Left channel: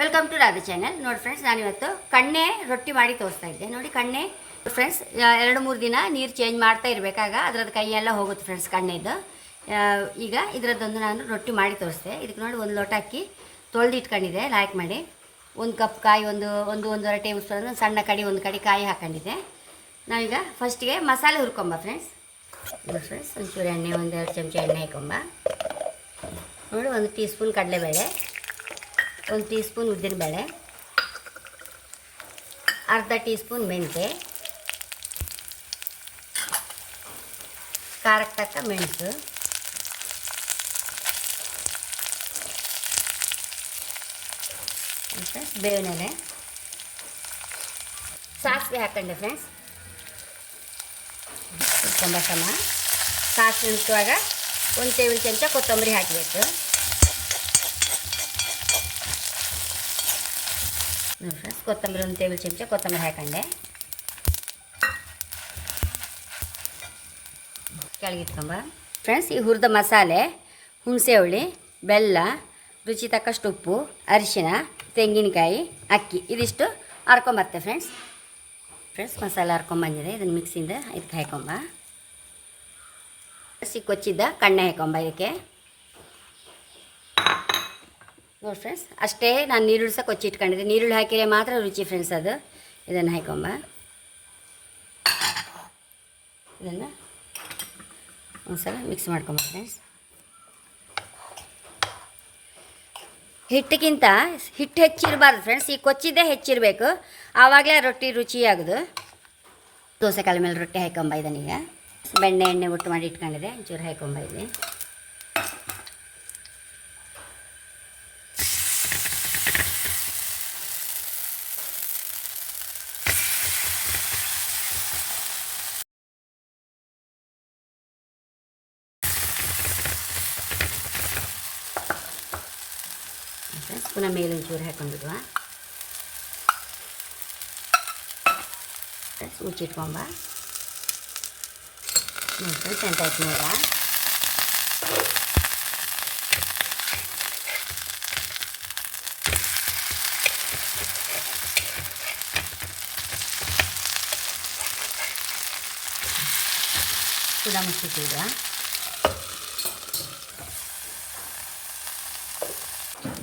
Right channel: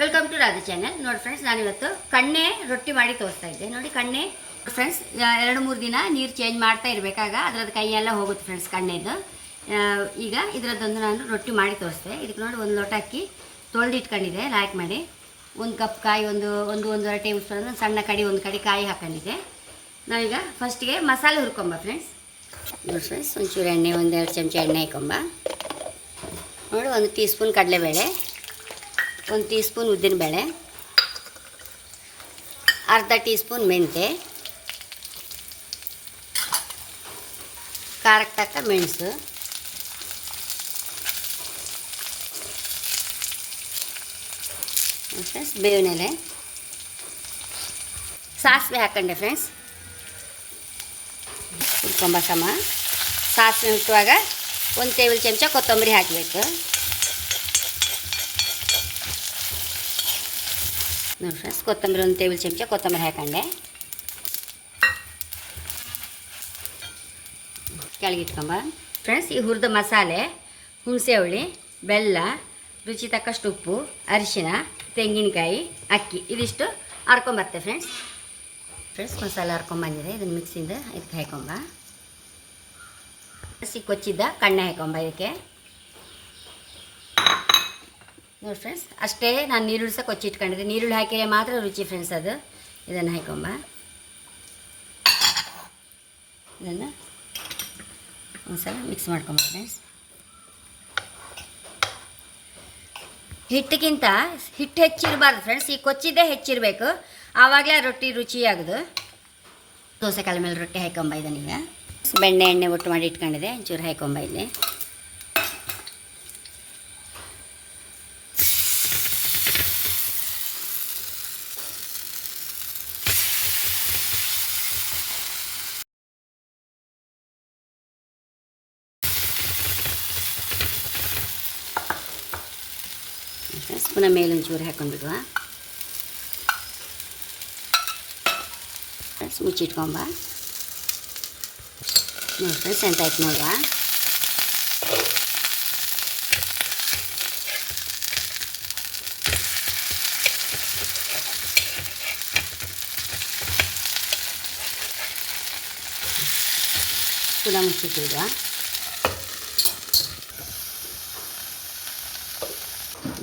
Welcome to Radha channel ನೋಡಿ friends ನಾನಿವತ್ತು ಕಣ್ಣೆ ರೊಟ್ಟಿ ಮಾಡಿ ತೋರಿಸ್ತಾ ಇದ್ದೆ. ನೋಡಿ ಕಣ್ಣೆ ಫ್ರೆಂಡ್ಸ್ ಎರಡು ಮೂರು ದಿನ ನೀರು ಚೇಂಜ್ ಮಾಡ್ತಾ ಇರಬೇಕಾಗ ಅದ್ರದ್ದು ಕೈಯೆಲ್ಲ ಹೋಗುತ್ತೆ ಫ್ರೆಂಡ್ಸ್ ಕಣ್ಣೆದು. ಈಗ ಇದರದ್ದೊಂದು ನಾನು ರೊಟ್ಟಿ ಮಾಡಿ ತೋರಿಸ್ದೆ ಇದಕ್ಕೆ ನೋಡಿ ಒಂದು ಲೋಟ ಅಕ್ಕಿ ತೊಳೆದು ಇಟ್ಕೊಂಡಿದ್ದೆ ಲಾಯ್ಕ್ ಮಾಡಿ. ಒಂದು ಕಪ್ ಕಾಯಿ, ಒಂದು ಒಂದು, ಒಂದೂವರೆ ಟೇಬಲ್ ಸ್ಪೂನ್ ಸಣ್ಣ ಕಡಿ, ಒಂದು ಕಡಿ ಕಾಯಿ ಹಾಕೊಂಡಿದ್ದೆ. ನಾವೀಗ ಫಸ್ಟಿಗೆ ಮಸಾಲೆ ಹುರ್ಕೊಂಬ ಫ್ರೆಂಡ್ಸ್ ನೋಡಿ ಫ್ರೆಂಡ್ಸ್ ಒಂಚೂರು ಎಣ್ಣೆ, ಒಂದೆರಡು ಚಮಚ ಎಣ್ಣೆ ಹಾಕೊಂಬ. ನೋಡಿ, ಒಂದು ಟೀ ಸ್ಪೂನ್ ಕಡಲೆಬೇಳೆ. ಒಂದು ಟೀ ಸ್ಪೂನ್ ಉದ್ದಿನಬೇಳೆ ಅರ್ಧ ಟೀ ಸ್ಪೂನ್ ಮೆಂತೆ ಖಾರಕ್ಕೆ ತಕ್ಕ ಮೆಣಸು ಫ್ರೆಂಡ್ಸ್ ಬೇವಿನ ಎಲೆ ಸಾಸಿವೆ ಹಾಕೊಂಡೆ ಫ್ರೆಂಡ್ಸ್ ಹುರ್ಕೊಂಬ ಸಮ. ಸಾಸಿವೆ ಹುಟ್ಟುವಾಗ ಒಂದು ಟೇಬಲ್ ಚಮಚ ಕೊತ್ತಂಬರಿ ಹಾಕಬೇಕು. ನೋಡಿ ಫ್ರೆಂಡ್ಸ್ ಕೊತ್ತಂಬರಿ ಒಂದು ಟೇಬಲ್ ಚಮಚ ಕೊತ್ತಂಬರಿ ಹಾಕೊಂಡೆ. ಕೆಳಗಿಟ್ಕೊಂಬ ಫ್ರೆಂಡ್ಸ್ ಈ ಹುರಿದ ಮಸಾಲೆ, ಹುಣಸೆ ಹುಳಿ, ಬೆಲ್ಲ, ರುಚಿ ತಕ್ಕಷ್ಟು ಉಪ್ಪು, ಅರಿಶಿನ, ತೆಂಗಿನಕಾಯಿ, ಅಕ್ಕಿ, ಇದಿಷ್ಟು ಹರ್ಕೊಂಬರ್ತೆ ಫ್ರೆಂಡ್ಸ್ ಫ್ರೆಂಡ್ಸ್ ಮಸಾಲೆ ಹರ್ಕೊಂಬಂದಿದೆ ಇದನ್ನು ಮಿಕ್ಸಿಂದ ಇದಕ್ಕೆ ಹಾಕೊಂಬ. ಹಸಿ ಕೊಚ್ಚಿದ್ದ ಕಣ್ಣೆ ಹಾಕೊಂಬ ಇದಕ್ಕೆ. ನೋಡಿ ಫ್ರೆಂಡ್ಸ್ ಅಷ್ಟೇ ನಾನು ನೀರುಳ್ಳಿ ಸಹ ಕೊಚ್ಚಿಟ್ಕೊಂಡಿದ್ದೆ ನೀರುಳ್ಳಿ ಹಾಕಿದರೆ ಮಾತ್ರ ರುಚಿ ಫ್ರೆಂಡ್ಸ್ ಅದು. ಇದನ್ನು ಹಾಕೊಂಬ. ಇದನ್ನು ಒಂದ್ಸಲ ಮಿಕ್ಸ್ ಮಾಡ್ಕೊಂಬ ಫ್ರೆಂಡ್ಸ್ ಹಿಟ್ಟಿಗಿಂತ ಹಿಟ್ಟು ಹೆಚ್ಚಿರಬಾರ್ದು ಫ್ರೆಂಡ್ಸ್ ಈ ಕೊಚ್ಚಿದ್ದೇ ಹೆಚ್ಚಿರಬೇಕು. ಆವಾಗಲೇ ರೊಟ್ಟಿ ರುಚಿ ಆಗೋದು. ದೋಸೆ ಕಾಲ ಮೇಲೆ ರೊಟ್ಟಿ ಹಾಕೊಂಬ ಇದನ್ನೀಗ. ಬೆಣ್ಣೆ ಎಣ್ಣೆ ಒಟ್ಟು ಮಾಡಿ ಇಟ್ಕೊಂಡಿದೆ ಒಂಚೂರು ಹಾಕೊಂಬ ಇಲ್ಲಿ. ಫ್ರೆಂಡ್ಸ್ ಪುನಃ ಮೇಲೊಂಚೂರು ಹಾಕೊಂಡ್ಬಿಡುವ ಫ್ರೆಂಡ್ಸ್ ಮುಚ್ಚಿಟ್ಕೊಂಬ ನೋಡಿ ಫ್ರೆಂಡ್ಸ್ ಎಂತ ಆಯ್ತು ನೋಡ ಪುನಃ ಮುಚ್ಚಿಟ್ಟಿಡುವ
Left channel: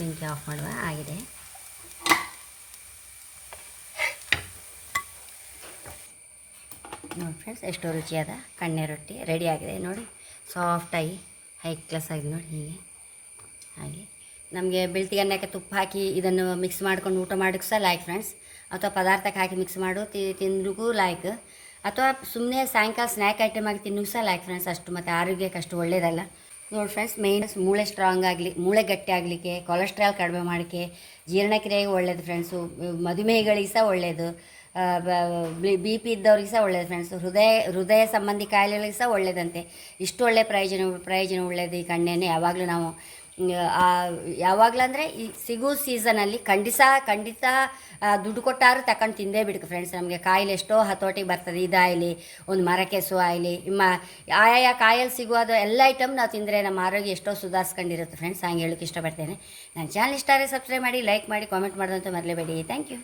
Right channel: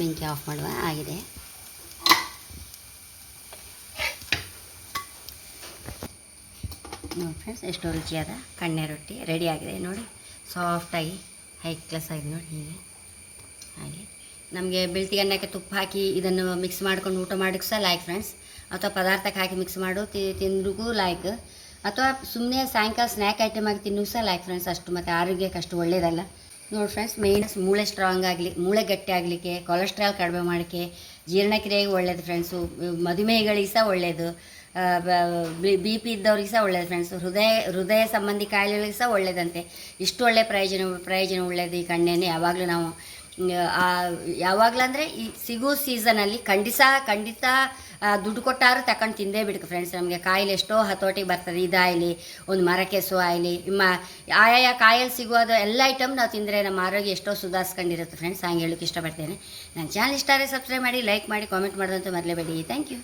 ಬೆಂಕಿ ಆಫ್ ಮಾಡುವ. ಆಗಿದೆ. ನೋಡಿ ಫ್ರೆಂಡ್ಸ್ ಎಷ್ಟೋ ರುಚಿಯಾದ ಕಣ್ಣೆ ರೊಟ್ಟಿ ಆಗಿದೆ. ನೋಡಿ ಸಾಫ್ಟಾಗಿ ಹೈ ಕ್ಲಾಸ್ ಆಗಿದೆ ನೋಡಿ ಹೀಗೆ. ಹಾಗೆ. ನಮಗೆ ಬೆಳ್ತಿಗೆ ಅನ್ನಕ್ಕೆ ತುಪ್ಪ ಹಾಕಿ ಇದನ್ನು ಮಿಕ್ಸ್ ಮಾಡ್ಕೊಂಡು ಊಟ ಮಾಡೋಕ್ಕೆ ಸಹ ಲಾಯ್ಕ್ ಫ್ರೆಂಡ್ಸ್ ಅಥವಾ ಪದಾರ್ಥಕ್ಕೆ ಹಾಕಿ ಮಿಕ್ಸ್ ಮಾಡು ತಿಂದ್ರಿಗೂ ಲಾಯ್ಕ್ ಅಥವಾ ಸುಮ್ಮನೆ ಸಾಯಂಕಾಲ ಸ್ನ್ಯಾಕ್ ಐಟಮ್ ಆಗಿ ತಿನ್ನೂ ಸಹ ಲಾಯ್ಕ್ ಫ್ರೆಂಡ್ಸ್ ಅಷ್ಟು. ಮತ್ತು ಆರೋಗ್ಯಕ್ಕೆ ಅಷ್ಟು ಒಳ್ಳೆಯದಲ್ಲ ನೋಡಿ ಫ್ರೆಂಡ್ಸ್ ಮೇಯ್ನ್ ಮೂಳೆ ಸ್ಟ್ರಾಂಗ್ ಆಗಲಿ, ಮೂಳೆ ಗಟ್ಟಿ ಆಗಲಿಕ್ಕೆ ಕೊಲೆಸ್ಟ್ರಾಲ್ ಕಡಿಮೆ ಮಾಡೋಕ್ಕೆ ಜೀರ್ಣಕ್ರಿಯೆಗೆ ಒಳ್ಳೆಯದು ಫ್ರೆಂಡ್ಸು ಮಧುಮೇಹಗಳಿಗೆ ಸಹ ಒಳ್ಳೆಯದು ಬಿ ಪಿ ಇದ್ದವ್ರಿಗೆ ಸಹ ಒಳ್ಳೆಯದು ಫ್ರೆಂಡ್ಸು ಹೃದಯ ಹೃದಯ ಸಂಬಂಧಿ ಕಾಯಿಲೆಗಳಿಗೆ ಸಹ ಒಳ್ಳೆಯದಂತೆ ಇಷ್ಟು ಒಳ್ಳೆಯ ಪ್ರಯೋಜನ ಪ್ರಯೋಜನ ಒಳ್ಳೆಯದು ಈ ಕಣ್ಣೆಣ್ಣೆ ಯಾವಾಗಲೂ ನಾವು ಆ, ಯಾವಾಗಲೂ ಅಂದರೆ ಈ ಸಿಗೋ ಸೀಸನಲ್ಲಿ ಖಂಡಿತ ಖಂಡಿತ ದುಡ್ಡು ಕೊಟ್ಟಾರು ತಕೊಂಡು ತಿಂದೇ ಬಿಡ್ಕು ಫ್ರೆಂಡ್ಸ್ ನಮಗೆ ಕಾಯಿಲೆ ಎಷ್ಟೋ ಹತೋಟಿಗೆ ಬರ್ತದೆ. ಇದಾಗಲಿ ಒಂದು ಮರಕೆಸು ಆಗಲಿ ಮ ಆಯಾ ಕಾಯಲ್ಲಿ ಸಿಗುವುದು ಎಲ್ಲ ಐಟಮ್ ನಾವು ತಿಂದರೆ ನಮ್ಮ ಆರೋಗ್ಯ ಎಷ್ಟೋ ಸುಧಾರಿಸ್ಕೊಂಡಿರುತ್ತೆ ಫ್ರೆಂಡ್ಸ್ ಹಂಗೆ ಹೇಳೋಕೆ ಇಷ್ಟಪಡ್ತೇನೆ. ನನ್ನ ಚಾನಲ್ ಇಷ್ಟ ಆದರೆ ಸಬ್ಸ್ಕ್ರೈಬ್ ಮಾಡಿ ಲೈಕ್ ಮಾಡಿ ಕಾಮೆಂಟ್ ಮಾಡೋದಂತ ಮರಲೇಬೇಡಿ. Thank you